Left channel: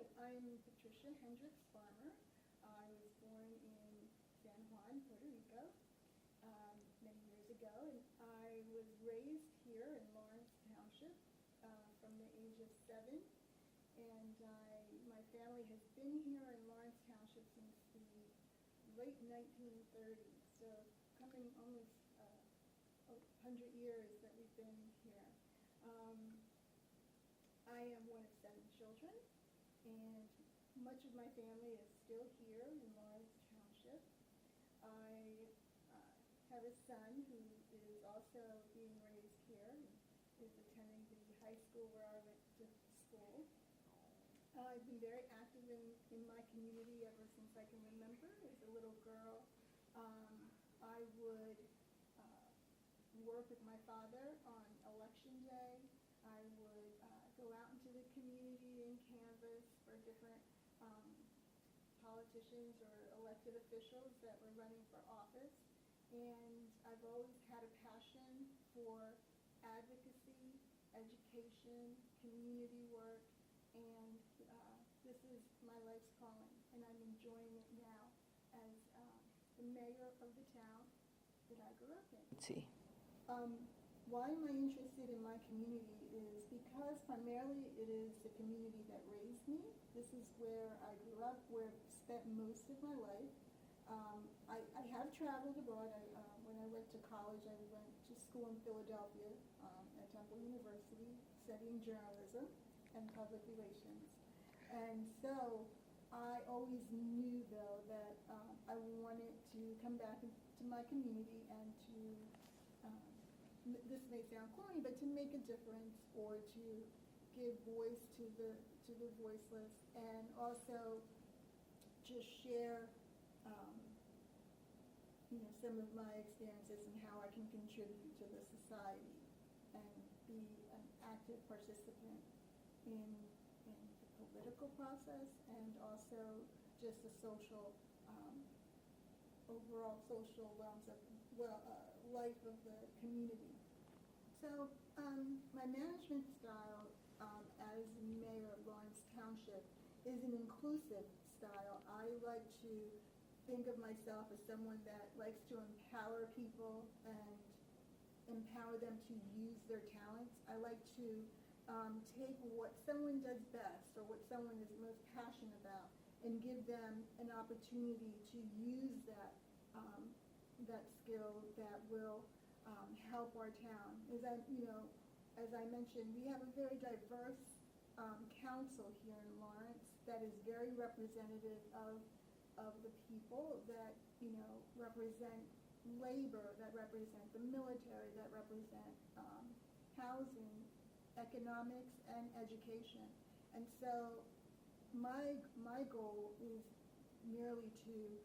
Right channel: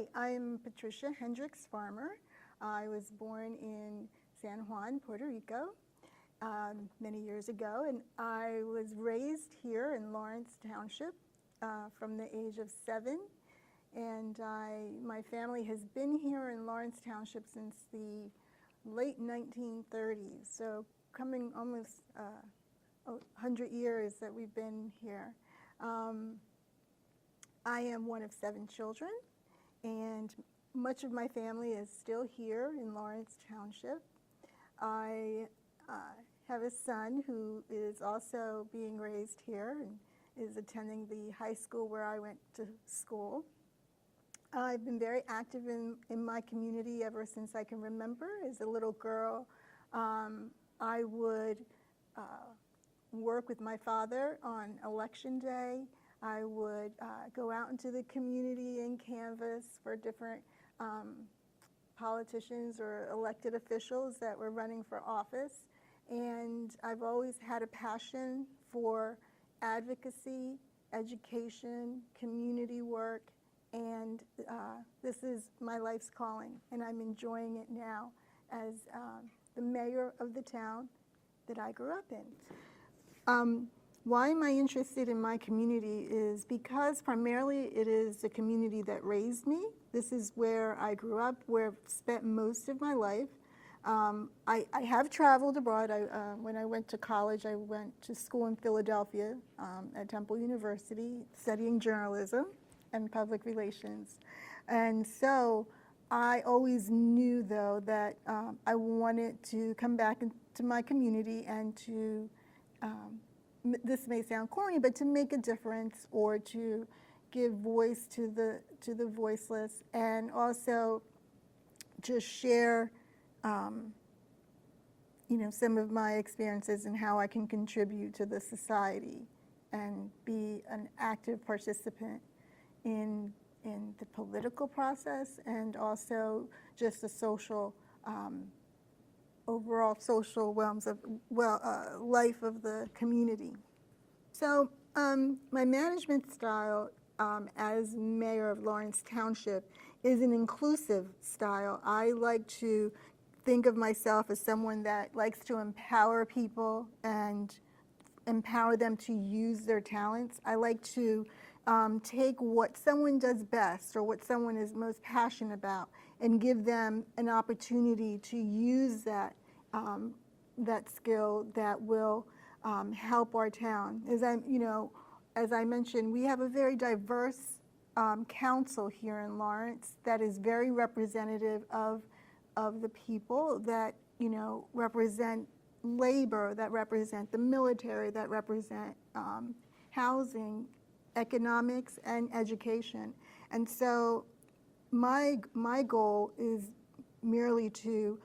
Hi, I'm Patricia Hendricks Farmer. I was born in San Juan, Puerto Rico, many years ago, and I was raised here in Lawrence Township from the age of 7. And my family has been here in Lawrence Township since the late 1930s, so coming almost 100 years that we've been here. I am one of 7 children, and much of my family is still here in Lawrence Township. I have a son who is also being raised here and is attending the high school where I went to school. I've been very active in my community ever since I can remember. As a little girl, I would work with my father on election day. I would go out into the community and canvass for different politicians or elected officials that were running for office. And I've always had a passion for advocacy, education, community work, and this is my life's calling, and I'm enjoying it now as the mayor of the town that I grew up in. Why am I interested in my community is because primarily it is the community that raised me. This is where I grew up, where I've spent most of my life. I have traveled abroad. When I went to college, I went to school in Philadelphia at Temple University, studying journalism and public relations. And so I always knew, though, that I wanted to come back into my community and to this may sound corny, but to make a difference or to give voice to the voiceless, and also just share, some of my experiences and how I can contribute to the society and be an active participant in the political process and also just the social overall social realms of life of the community. So my management style as mayor of Lawrence Township is an inclusive style. I like to think of myself as someone that likes to empower people and empower them to use their talents. I like to take what someone does best or what someone is most passionate about and give them an opportunity to use that skill that will help our town. As I mentioned, we have a very diverse council here in Lawrence that is very representative of the people that represent labor, that represent the military, that represent housing, economics, and education. And so my goal is merely to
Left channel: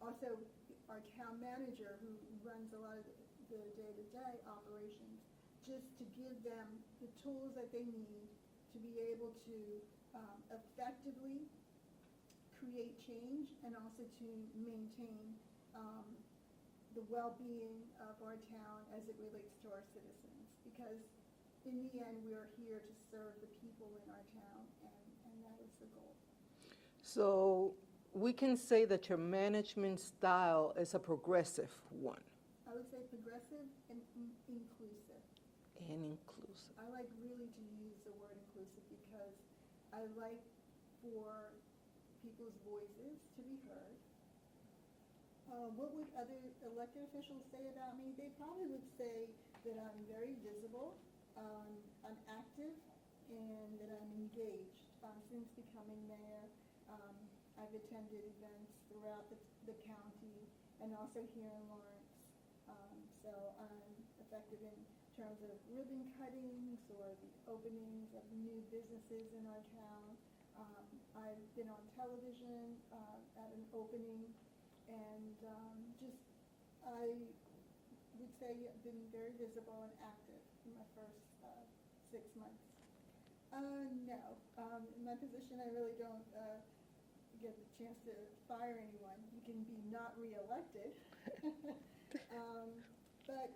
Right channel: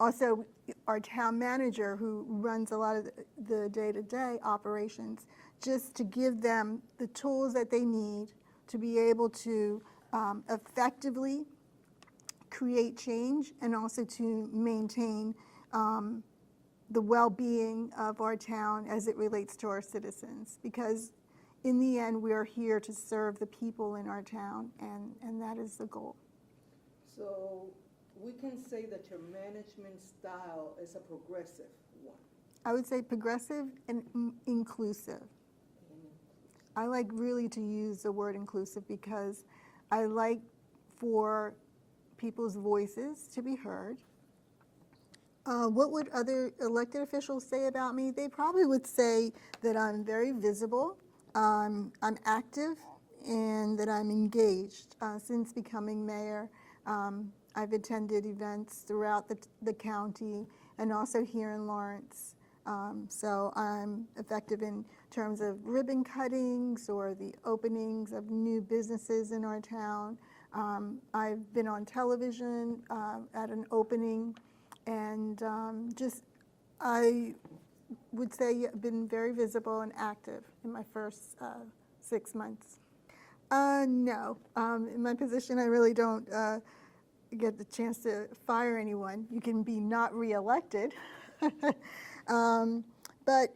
also our town manager, who runs a lot of the day-to-day operations, just to give them the tools that they need to be able to effectively create change and also to maintain the well-being of our town as it relates to our citizens. Because in the end, we are here to serve the people in our town, and that is the goal. So we can say that your management style is a progressive one. I would say progressive and inclusive. And inclusive. I like really to use the word inclusive because I like for people's voices to be heard. What would other elected officials say about me? They probably would say that I'm very visible, I'm active, and that I'm engaged. Since becoming mayor, I've attended events throughout the county and also here in Lawrence. So I'm effective in terms of ribbon cuttings or the openings of new businesses in our town. I've been on television at an opening, and I would say I've been very visible and active in my first 6 months. No, in my position I really don't get the chance to fire anyone. You can be not reelected. But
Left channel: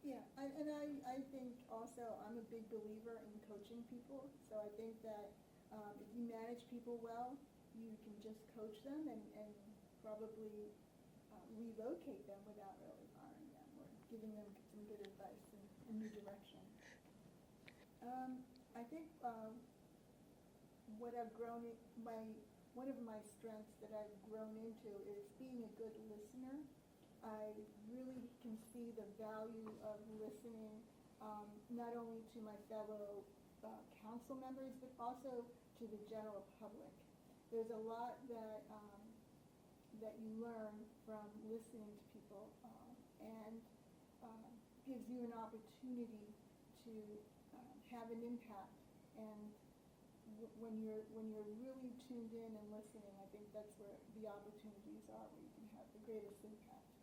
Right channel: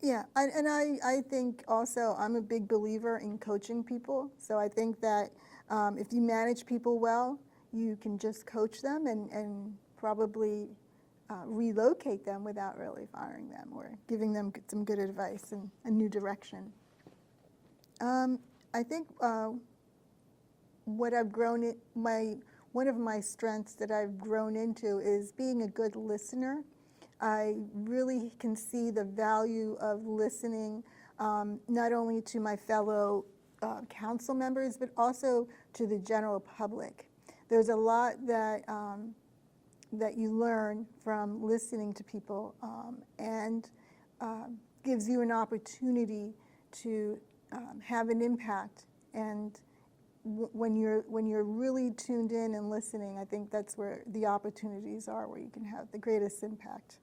yeah, I think also I'm a big believer in coaching people. So I think that If you manage people well, you can just coach them and probably relocate them without really firing them or giving them some good advice and a new direction. I think what I've grown one of my strengths that I've grown into is being a good listener. I really can see the value of listening, not only to my fellow council members, but also to the general public. There's a lot that you learn from listening to people, and gives you an opportunity to have an impact. And when you're really tuned in and listening, I think that's where the opportunities are, where you can have the greatest impact.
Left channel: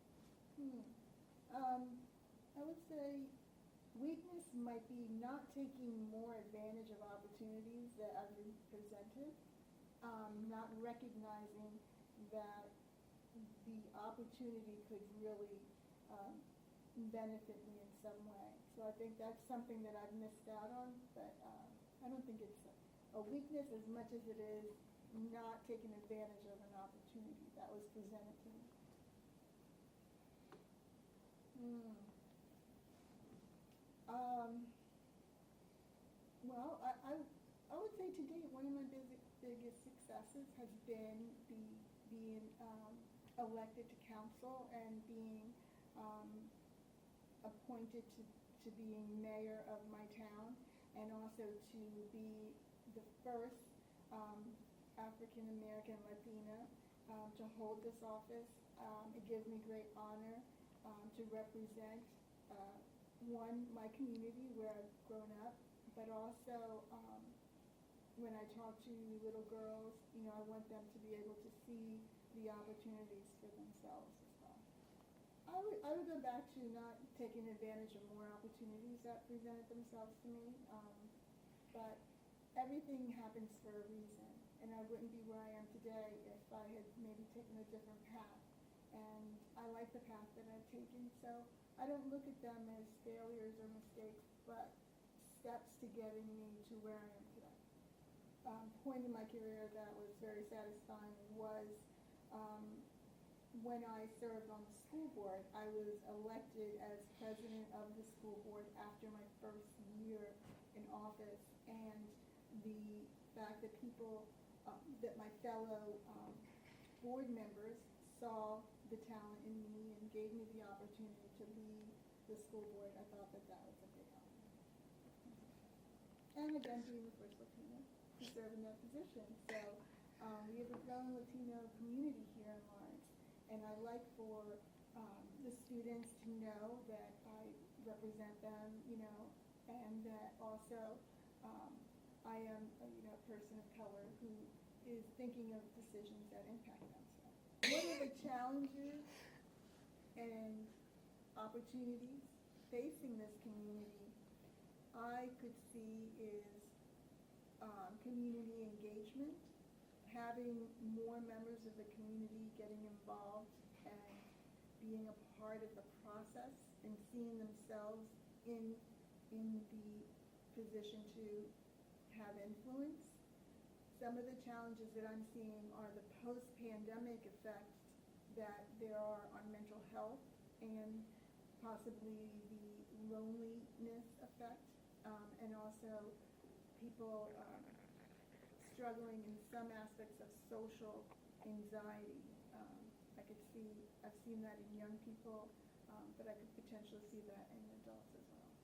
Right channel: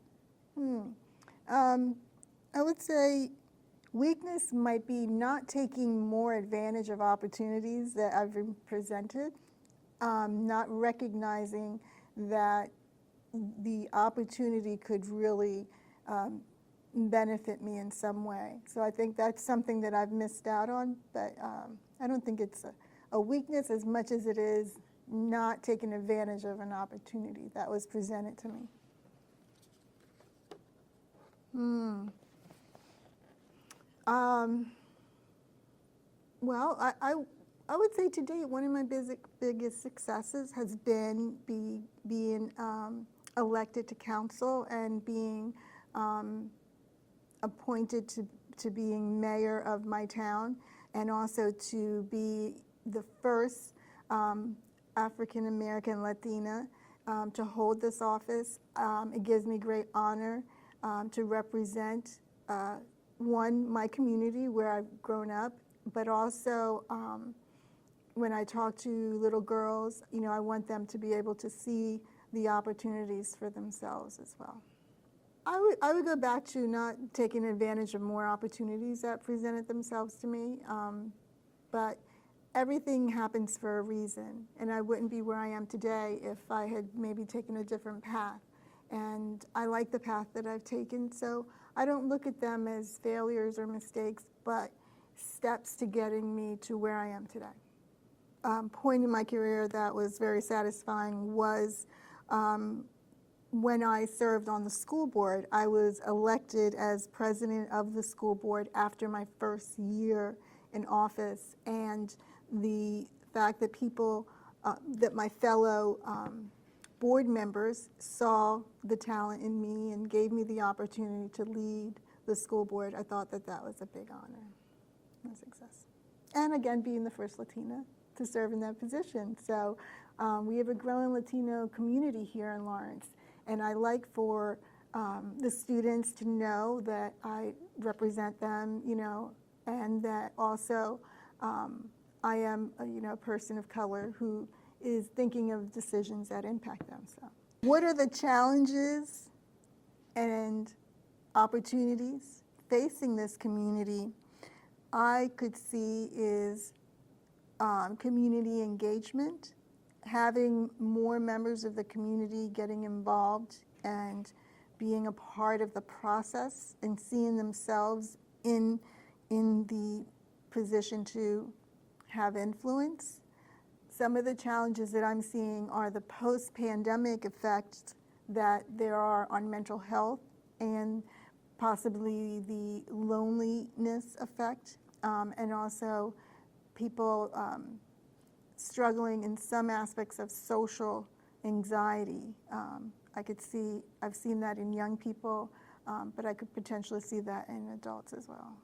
I would say weakness might be not taking more advantage of opportunities that I've been presented, not recognizing that the opportunity could really benefit me in some way. So I think that's something that I've missed out on, but I don't think it's a weakness as much as it is not taking advantage of an opportunity that was presented to me. Well, I would say to date, one of my biggest successes has been being elected to council and being appointed to being mayor of my town, and also to be the first African American Latina to hold this office. It gives me great honor to represent my community where I've grown up, but also when I talk to little girls, I want them to be able to see the opportunities for themselves as well. I would go back to not taking advantage of more opportunities that presented themselves to me, but everything happens for a reason, and I wouldn't be where I am today if I had maybe taken a different path. And I like the path that I've taken, so I don't look at them as failures or mistakes, but steps to getting me to where I am today. Point in my career that was very satisfying was when I served on the school board. I was elected as president of the school board after my first year in office, and the fact that people, that my fellow board members saw the talent in me and gave me the opportunity to lead the school board, I thought that was a big honor and a success. And again, being the first Latina to serve in that position. So we have a growing Latino community here in Lawrence, and I like for the students to know that I represent them, and that also I am a person of color who is thinking of decisions that impact them. So, what are the challenges and opportunities facing this community? I could see is community engagement, having more members of the community getting involved and being a part of the process and seeing themselves in the position to have influence. Some of the challenges that I'm seeing are the post-pandemic effects that there are on mental health, and possibly the loneliness effect, and also people struggling in some aspects of social anxiety. I've seen that in young people, but I could potentially see that in adults as well.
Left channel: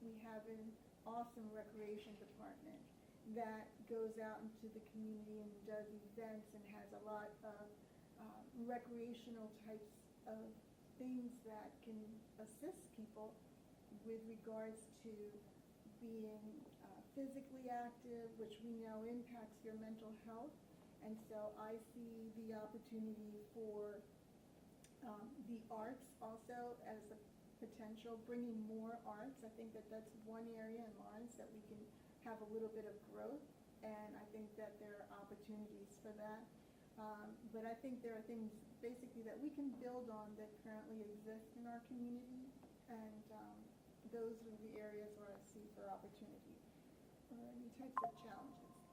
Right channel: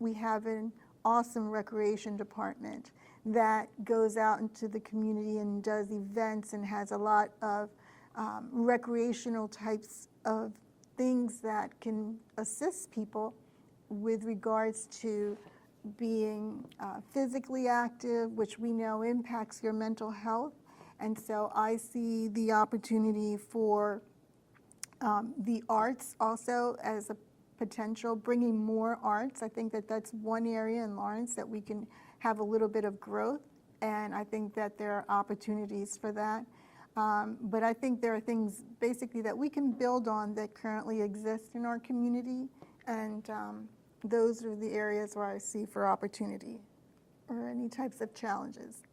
We have an awesome recreation department that goes out into the community and does events and has a lot of recreational types of things that can assist people with regards to being physically active, which we know impacts your mental health. And so I see the opportunity for the arts also as a potential, bringing more arts. I think that that's one area in Lawrence that we can have a little bit of growth, and I think that there are opportunities for that. But I think there are things basically that we can build on that currently exist in our community, and those are the areas where I see for opportunity or any types of challenges.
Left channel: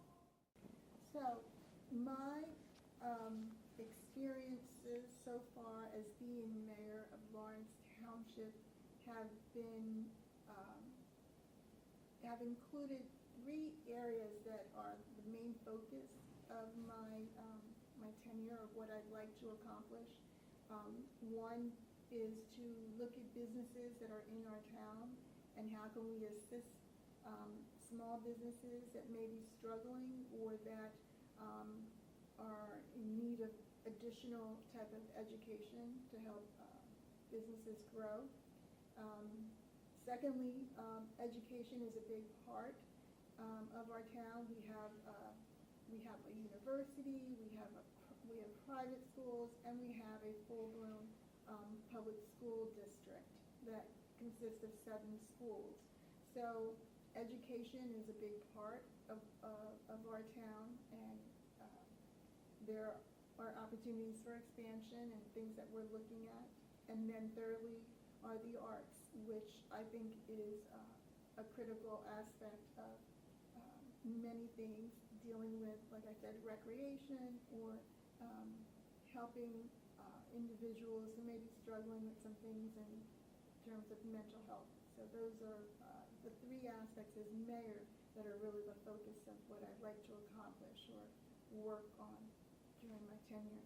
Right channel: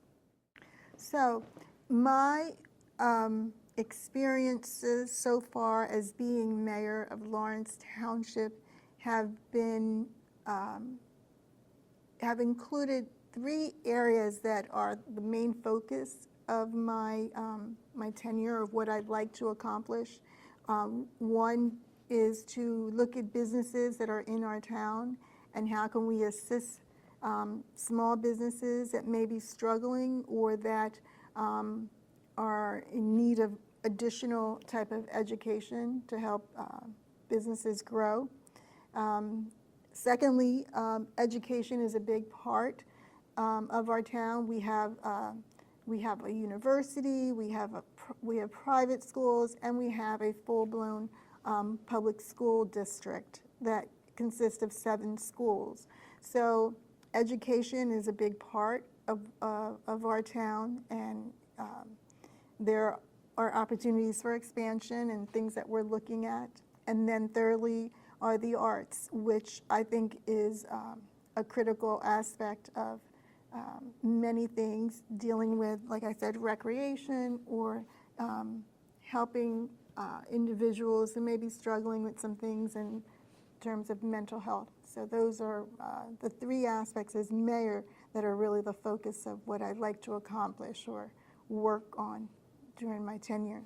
So my experiences so far as being mayor of Lawrence Township have been have included 3 areas that are the main focus of my my tenure of what I'd like to accomplish. One is to look at businesses that are in our town and how can we assist small businesses that may be struggling or that are in need of additional type of education to help businesses grow. Secondly, education is a big part of our town. We have a university, we have private schools, and we have a full-blown public school district that consists of 7 schools. So education is a big part of our town, and there are opportunities for expansion and things that we're looking at. And then thirdly are the arts, which I think is a critical aspect of many things, dealing with, like I said, recreation or helping individuals who may be struggling with some things in terms of mental health. So those are the 3 aspects as mayor that are really the focus of what I'd like to accomplish or work on during my tenure.